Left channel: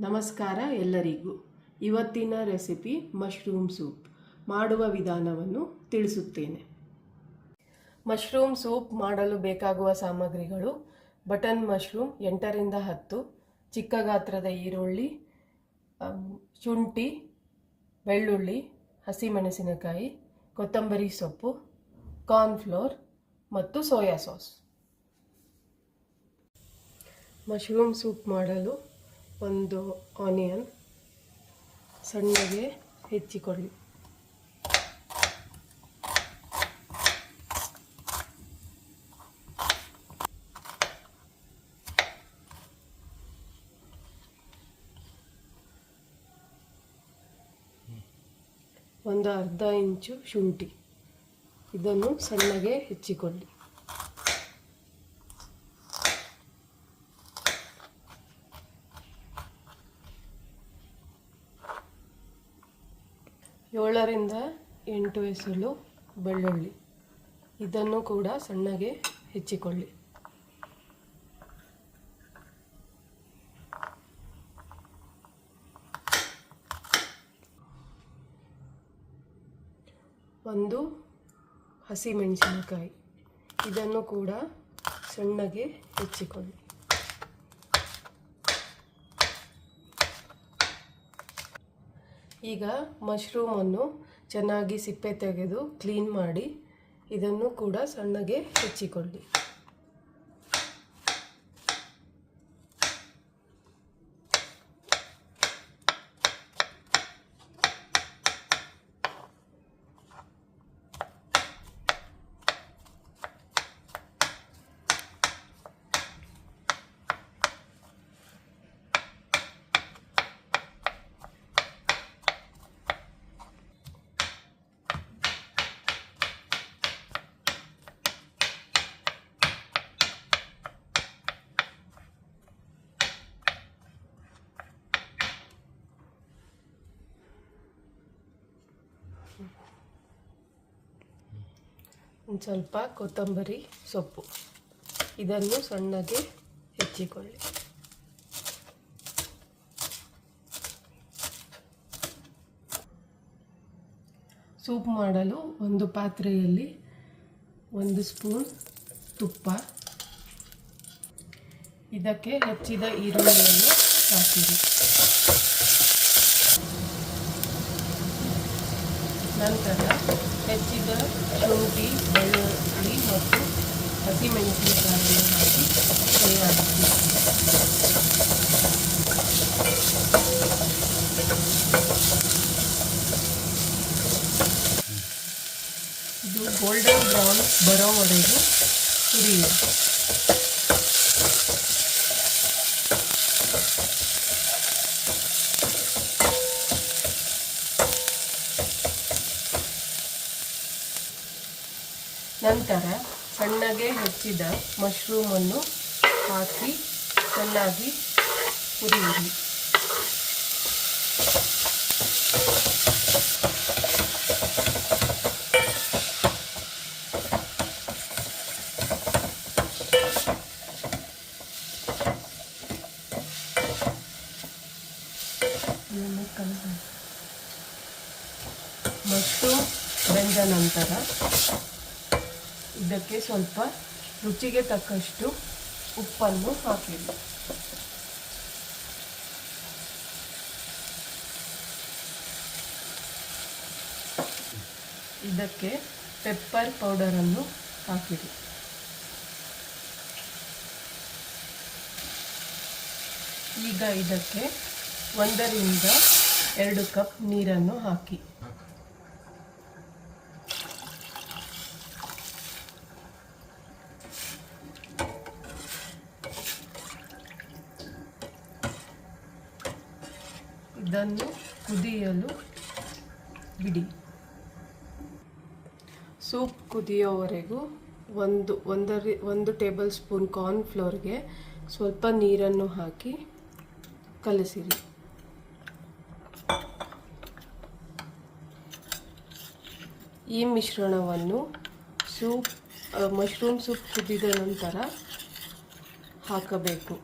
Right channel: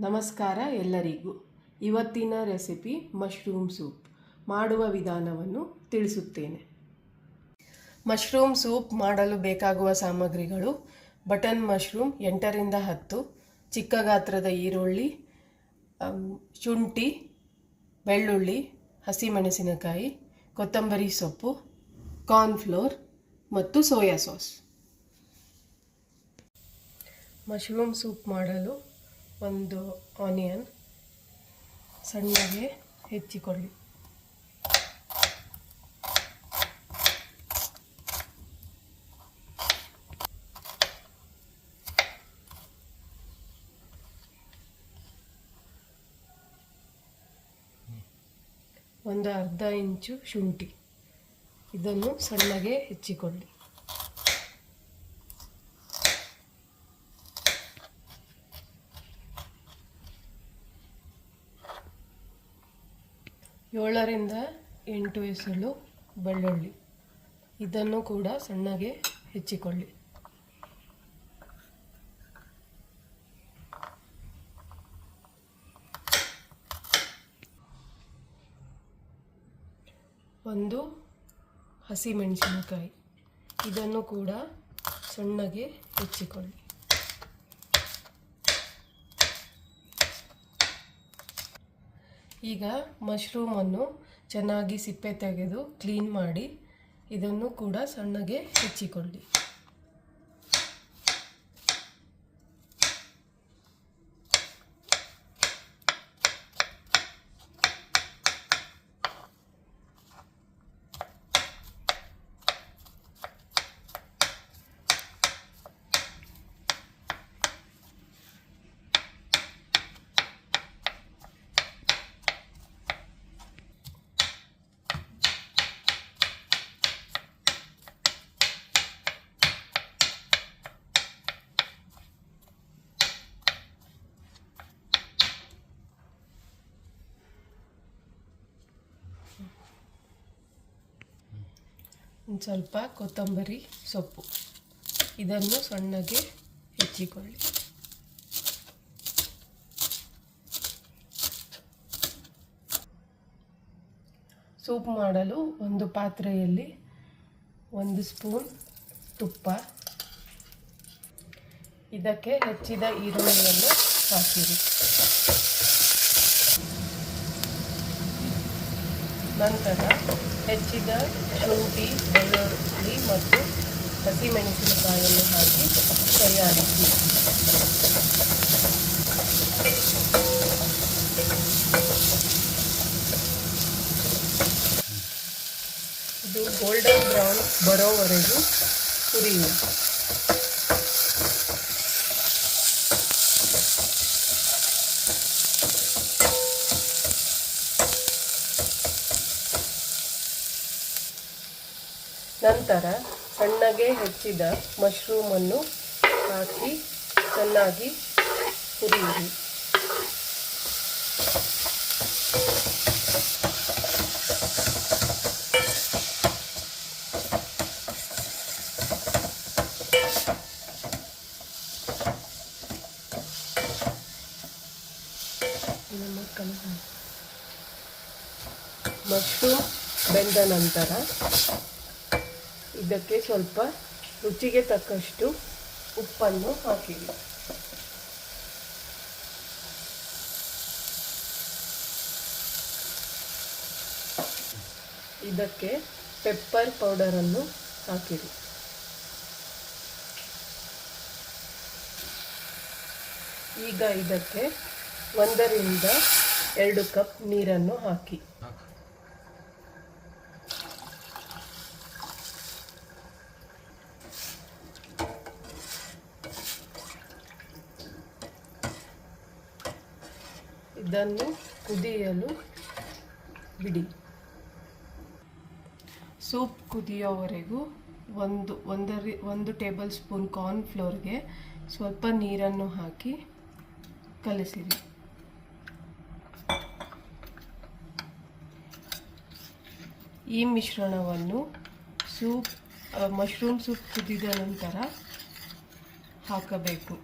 ನಮಸ್ಕಾರ ಎಲ್ಲರಿಗೂ. ಇವತ್ತಿನ ರೆಸಿಪಿ ಮಶ್ರೂಮ್ ಸೂಪ್. ಮಾಡುವ ವಿಧಾನವನ್ನು ತಿಳಿಸುತ್ತೇನೆ. ಮಶ್ರೂಮ್ ಸೂಪ್ ಮಾಡಲು ಬೇಕಾಗುವ ಸಾಮಗ್ರಿಗಳು: ಬಟನ್ ಮಶ್ರೂಮ್ 8ರಿಂದ 10, ಚಿಕ್ಕ ಗಾತ್ರದ ಈರುಳ್ಳಿ, ಶುಂಠಿ, ಬೆಳ್ಳುಳ್ಳಿ, ಹಸಿಮೆಣಸಿನಕಾಯಿ, ಕೊತ್ತಂಬರಿ ಸೊಪ್ಪು, ಕಾರ್ನ್ಫ್ಲೋರ್ ಮತ್ತು ಸೋಯಾ ಸಾಸ್. ಮಶ್ರೂಮ್ ಸೂಪ್ ಮಾಡಲು ಒಂದು ಆನಿಯನ್ ಸಣ್ಣಗೆ ಹೆಚ್ಚಿಕೊಳ್ಳಿ. ಒಂದು ಅರ್ಧ ಇಂಚು ಶುಂಠಿ, ಇದನ್ನು ಸಣ್ಣಗೆ ಹೆಚ್ಚಿಕೊಳ್ಳಿ. ಏಳರಿಂದ 8 ಎಸಳು ಬೆಳ್ಳುಳ್ಳಿ, ಇದನ್ನು ಕೂಡ ಸಣ್ಣಗೆ ಹೆಚ್ಚಿಕೊಳ್ಳಿ. ಒಂದು ಹಸಿಮೆಣಸಿನಕಾಯಿ, ಇದನ್ನು ಕೂಡ ಸಣ್ಣಗೆ ಹೆಚ್ಚಿಕೊಳ್ಳಿ. ಈಗ ಮಶ್ರೂಮನ್ನು ಚೆನ್ನಾಗಿ ಸಿಪ್ಪೆ ತೆಗೆದು ಕ್ಲೀನ್ ಮಾಡಿ ಇದನ್ನು ಕೂಡ ಸಣ್ಣಗೆ ಹೆಚ್ಚಿಕೊಳ್ಳಿ. ಒಂದು ಸ್ವಲ್ಪ ಕೊತ್ತಂಬರಿ ಸೊಪ್ಪು, ಇದನ್ನು ಸಣ್ಣಗೆ ಹೆಚ್ಚಿಕೊಳ್ಳಿ. ಸೂಪ್ ಮಾಡಲು ಒಂದು ಪಾತ್ರೆಯಲ್ಲಿ 1 ಸ್ಪೂನ್ ತುಪ್ಪ, ಇದಕ್ಕೆ ಹೆಚ್ಚಿದ ಈರುಳ್ಳಿಯನ್ನು ಹಾಕಿರಿ. ನಂತರ ಹೆಚ್ಚಿದ ಶುಂಠಿ, ಬೆಳ್ಳುಳ್ಳಿ ಮತ್ತು ಹಸಿಮೆಣಸಿನಕಾಯಿಯನ್ನು ಹಾಕಿ ತಯಾರಿಸಿ. ಇದು ಗೋಲ್ಡನ್ ಬ್ರೌನ್ ಬರೋವರೆಗೂ ಹುರಿಯಿರಿ. ನಂತರ ಸಣ್ಣಗೆ ಹೆಚ್ಚಿದ ಮಶ್ರೂಮನ್ನು ಹಾಕಿ ಚೆನ್ನಾಗಿ ಹುರಿಯಿರಿ. ಮಶ್ರೂಮ್ ಬೆಂದ ನಂತರ ಇದಕ್ಕೆ ಸ್ವಲ್ಪ ರುಚಿಗೆ ತಕ್ಕಷ್ಟು ಉಪ್ಪನ್ನು ಹಾಕಿರಿ. ಇದಕ್ಕೆ ಪೆಪ್ಪರ್ ಪೌಡರನ್ನು ಹಾಕಿರಿ. ಈಗ ಇದಕ್ಕೆ 1ರಿಂದ 2 ಕಪ್ ನೀರನ್ನು ಹಾಕಿ. ಇದನ್ನು ಕುದಿಯಲು ಬಿಡಿ. ಸೂಪ್ ಕುದಿಯೋವರೆಗೂ 1 ಟೇಬಲ್ ಸ್ಪೂನ್ ಕಾರ್ನ್ಫ್ಲೋರ್ಗೆ ಸ್ವಲ್ಪ ನೀರನ್ನು ಹಾಕಿ ಕಲಸಿರಿ. ಈ ಮಿಶ್ರಣವನ್ನು ಮಶ್ರೂಮ್ ಸೂಪ್ ಕುದಿದ ನಂತರ ಹಾಕಬೇಕು.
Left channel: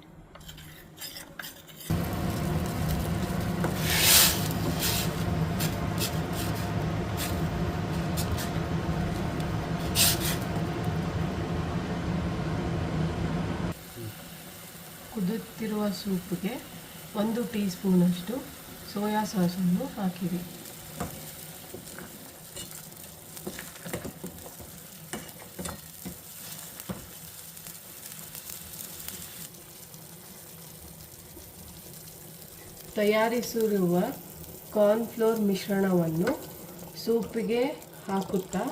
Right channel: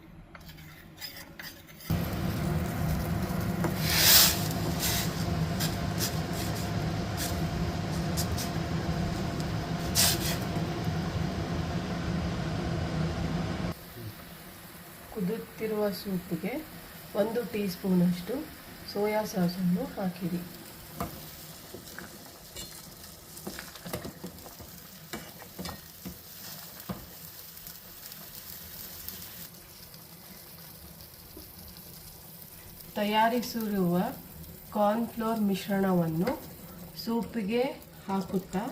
ಕುದಿಯುತ್ತಿರುವ ಸೂಪ್ಗೆ 1 ಟೀ ಸ್ಪೂನಷ್ಟು ಸೋಯಾ ಸಾಸನ್ನು ಹಾಕಿರಿ. ತಯಾರಿಸಿರುವ ಕಾರ್ನ್ಫ್ಲೋರ್ ಮಿಶ್ರಣವನ್ನು ಸೂಪಿಗೆ ಹಾಕುತ್ತಾ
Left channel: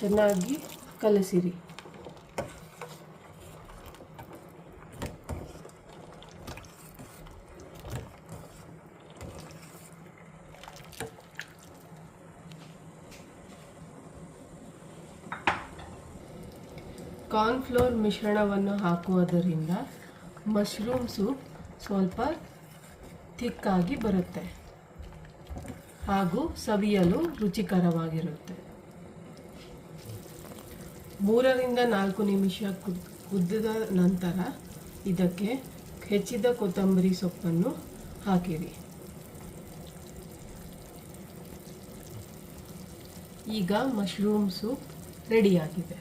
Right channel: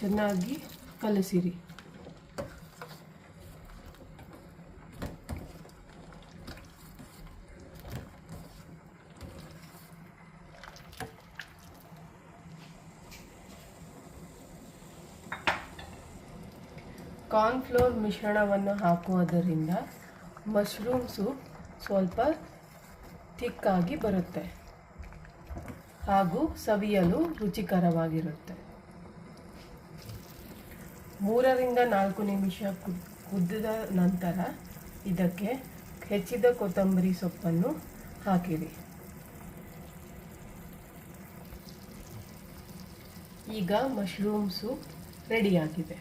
ಚೆನ್ನಾಗಿ ಕಲಸಿರಿ. ಕಾರ್ನ್ಫ್ಲೋರ್ ಮಿಶ್ರಣವನ್ನು ಹಾಕುವುದರಿಂದ ಮಶ್ರೂಮ್ ಸೂಪ್ ಸ್ವಲ್ಪ ಥಿಕ್ಕಾಗಿ ಬರುತ್ತೆ ಹಾಗೂ ಸವಿಯಲು ರುಚಿಕರವಾಗಿರುತ್ತೆ. 3-4 ನಿಮಿಷ ಕುದಿದ ನಂತರ ಇದಕ್ಕೆ ಹೆಚ್ಚಿದ ಕೊತ್ತಂಬರಿ ಸೊಪ್ಪನ್ನು ಹಾಕಿರಿ. ಈಗ ಮಶ್ರೂಮ್ ಸೂಪ್ ರೆಡಿಯಾಗಿದೆ.